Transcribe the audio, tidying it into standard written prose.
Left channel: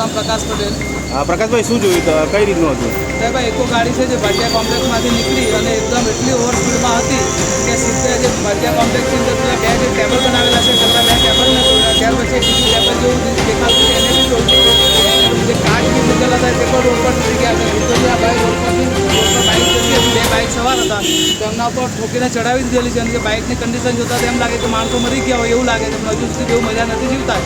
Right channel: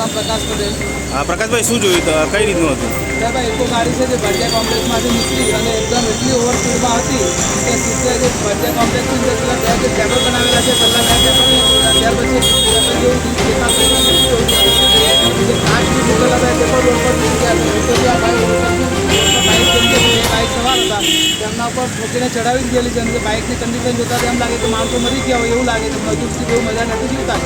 નામ પ્રકાશ પટેલ. હા પ્રકાશભાઈ, શું જોયું તો કઈ રીતનું હતું? ભાઈ એકો ગાડી છે જે ભાટિયા કોમ્પ્લેક્સમાંથી નીકળી અને એકદમ એટલી ઓવર સ્પીડમાં હતી કે સીધે જે ભાટિયા કોમ્પ્લેક્સની અંદર પેલા બે ટેબલ બનાવેલા છે, પહેલાં બે ટેબલને તોડ્યા, ત્યાર પછી ટેબલ જેવું દેખાતું છે એને તોડ્યું. જે કાચ બી મૂકેલા હતા તે પણ રોડ પર તૂટી ગયા હતા. વિપરીત આ ભાઈ રોડ પર બાઇક જતી હતી, બે બાઇક સવાર હતા, તેમના ઉપર ઠોકીને ચડાવી જ ગયેલી છે. અને જે બાઇકની કન્ડિશન જોતાં એમ લાગે કે માણસો મરી ગયા હોય એવું લાગે છે, પણ હજુ સુધી એવું મજા નથી જીવતા.